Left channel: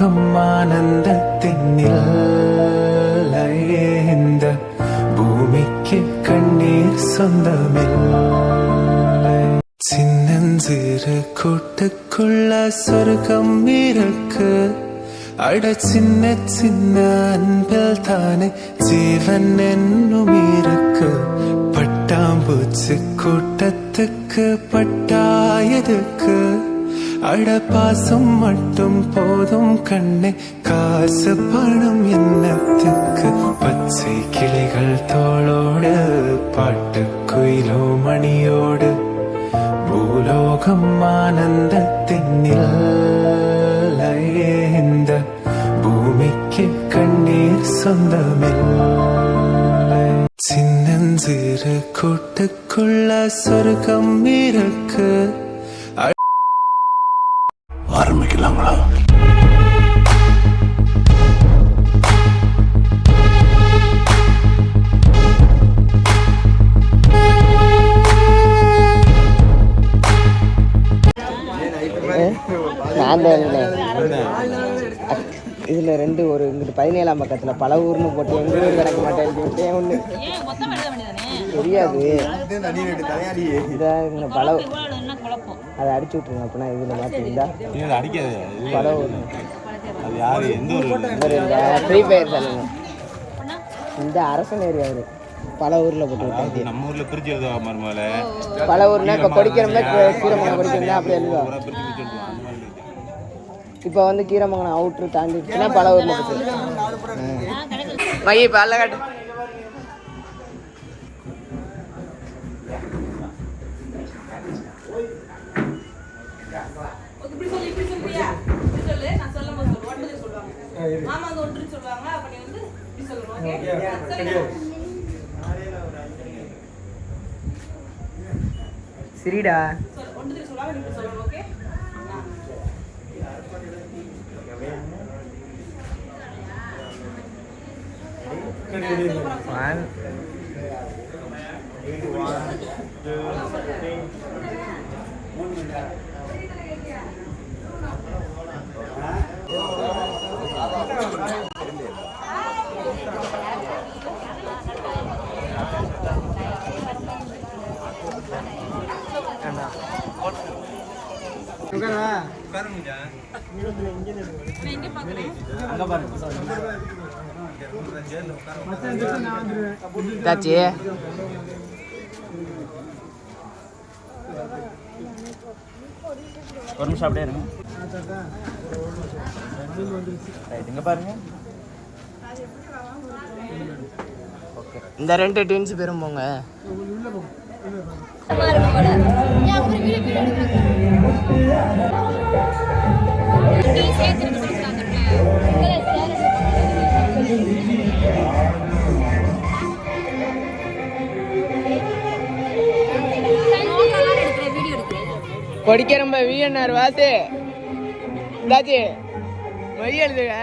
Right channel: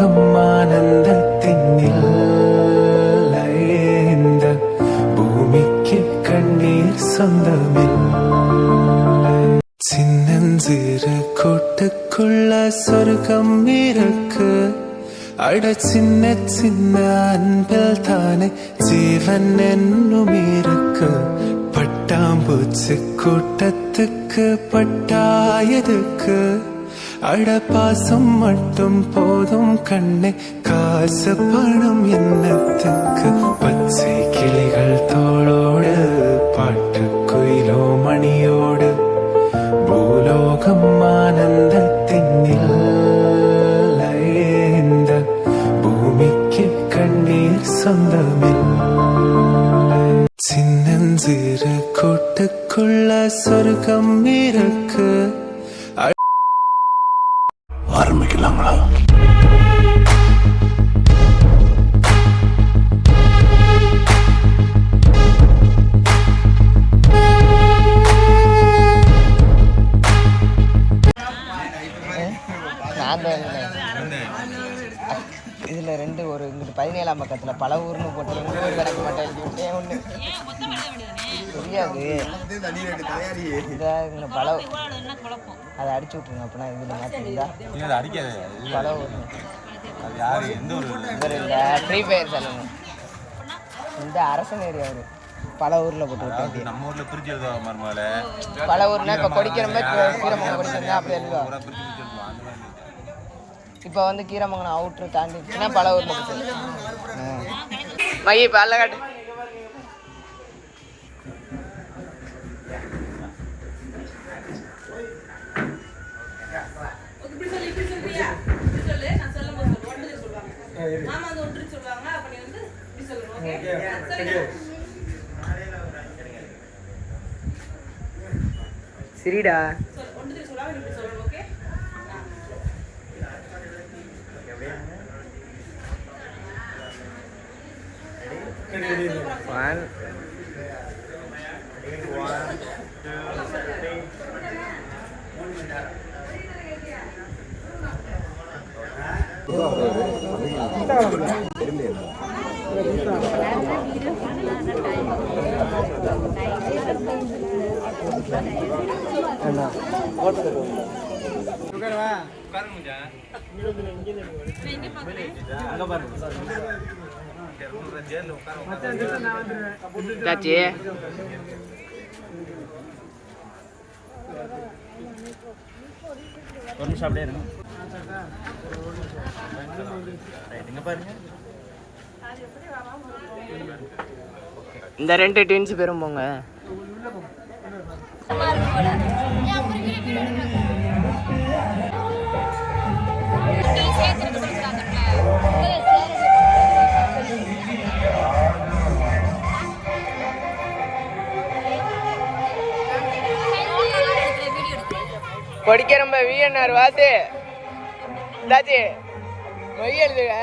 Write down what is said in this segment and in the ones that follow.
பூலோகம் ஆனந்தத்தின் எல்லையே இந்த பூமிக்கு கண்ணீர் சொந்தமில்லை சின்னஞ்சிறு கூட்டுக்குள்ள சொர்க்கம் இருக்கு அட சின்ன சின்ன அன்பில் தானே ஜீவன் என்னும் இருக்கு பட்டாம்பூச்சி கூட்டத்துக்கு அடப்பாசம் மட்டும் போதும் கண்ணே. காசு பணம் என்னத்துக்கு? பச்சை கிளிகள் தோளோடு பாட்டு குயிலோ மணியோடு. பூலோகம் ஆனந்தத்தின் எல்லையே இந்த பூமிக்கு கண்ணீர் சொந்தமில்லை. சின்னஞ்சிறு கூட்டுக்குள்ள சொர்க்கம் இருக்கு. இதில் ரெண்டு ஒரு இங்கிட்டு பதினேழாம் பக்கத்தில் பல ஊர்னு போட்டு எங்க ஊர் கிடக்க மாட்டேன். ஒன்று தெரியாது. இதா இந்த பல அதை அடிச்சு விட்ருங்க அப்படின்னா இதில் மாற்றிருந்தா அடிக்காது. பல ஊர். ஃப்ரீ ஃபயர் இந்த அரசன் ஏரியா அவரு. பல ஊரில் போட்டு விட்டாங்க நம்ம ஊர்ல எழுதுவா மருமகள பல ஊர்னா இப்போ கொடிக்கிறோம்னா கீரமங்கலம் கொடிக்கிறோம்னா அப்படி எழுதுவா இப்போ வந்து கீரமங்கலம் அவுட்ரு தாண்டிடுச்சுன்னா பல ஊரில் போட்டு மைய இப்போ அல்ல காட்டு. இப்படி சொல்லு இப்படி சொல்றியா இப்படி சொல்லு. நான் சொல்லும் போது சொல்லு ஒன்பது சொல்லுவாங்க மாமா வந்து ஒன்று சொல்லுவாங்க. அப்ப நீ வந்து இப்படி சொல்லணும் ஓகே சரியா? சரிடா சொல்லு ஒன்று சொல்லுவாங்க நீ இப்படி சொல்லணும் ஓகே ஒன் அண்ணா தாச்சி ஒரு நிமிஷம் அப்படியே இருங்க. இங்க பாருங்க. இந்த ரெண்டு டீன்ஸ் பேரும் போங்க. படிக்கிறம்ப விஎன்ஆர் வாசு. தாச்சி மை எழுதுங்க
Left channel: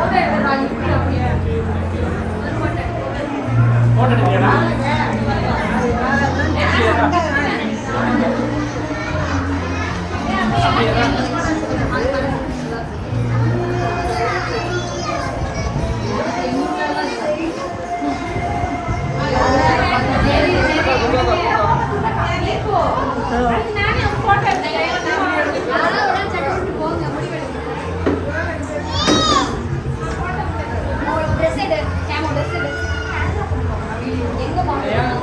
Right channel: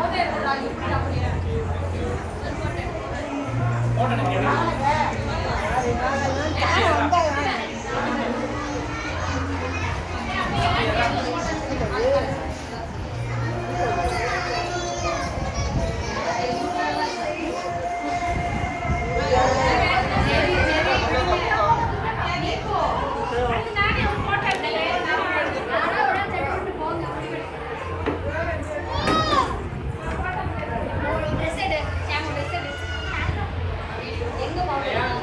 சுமதி 咁嘅話，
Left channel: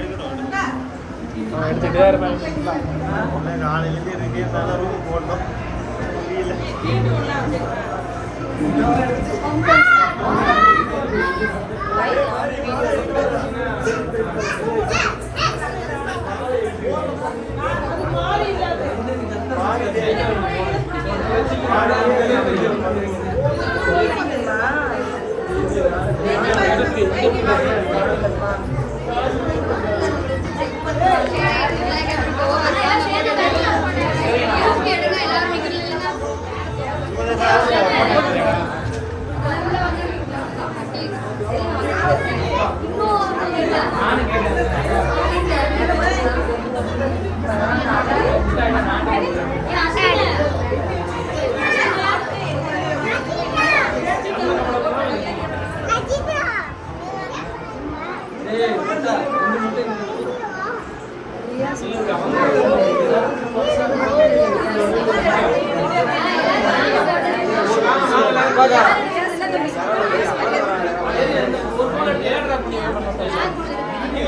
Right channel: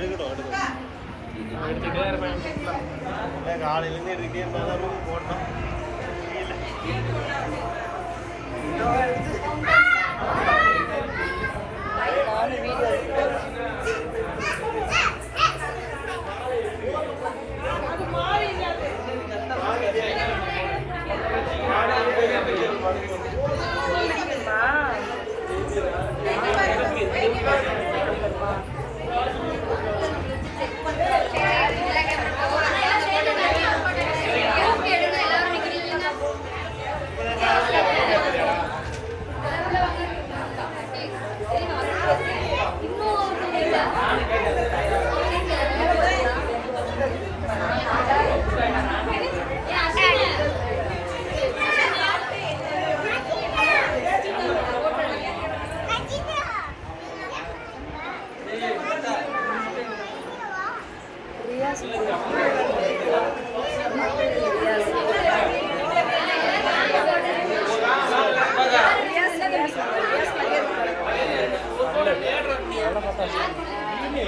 இருக்கட்டும் காலையிலேருந்து இருக்கே இருந்தாலும் ரூம் போட்டோம் Thank you. ஓகே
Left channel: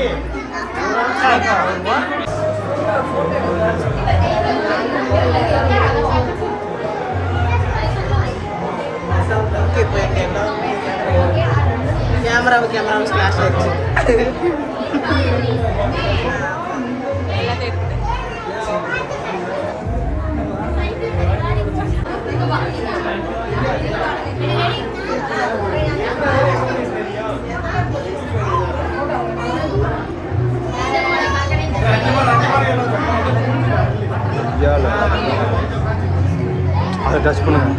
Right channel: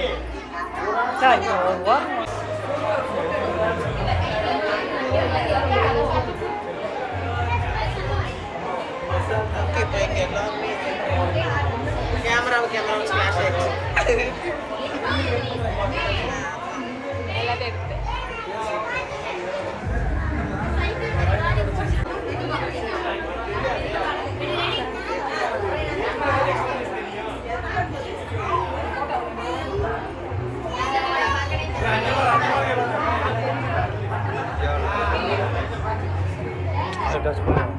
இப்போ எங்க எல்லாருமே கேமராவை கேமரா ஃப்ளாஷ் ஆயிடுச்சு touch பண்ணுங்க.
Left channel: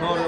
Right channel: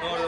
No,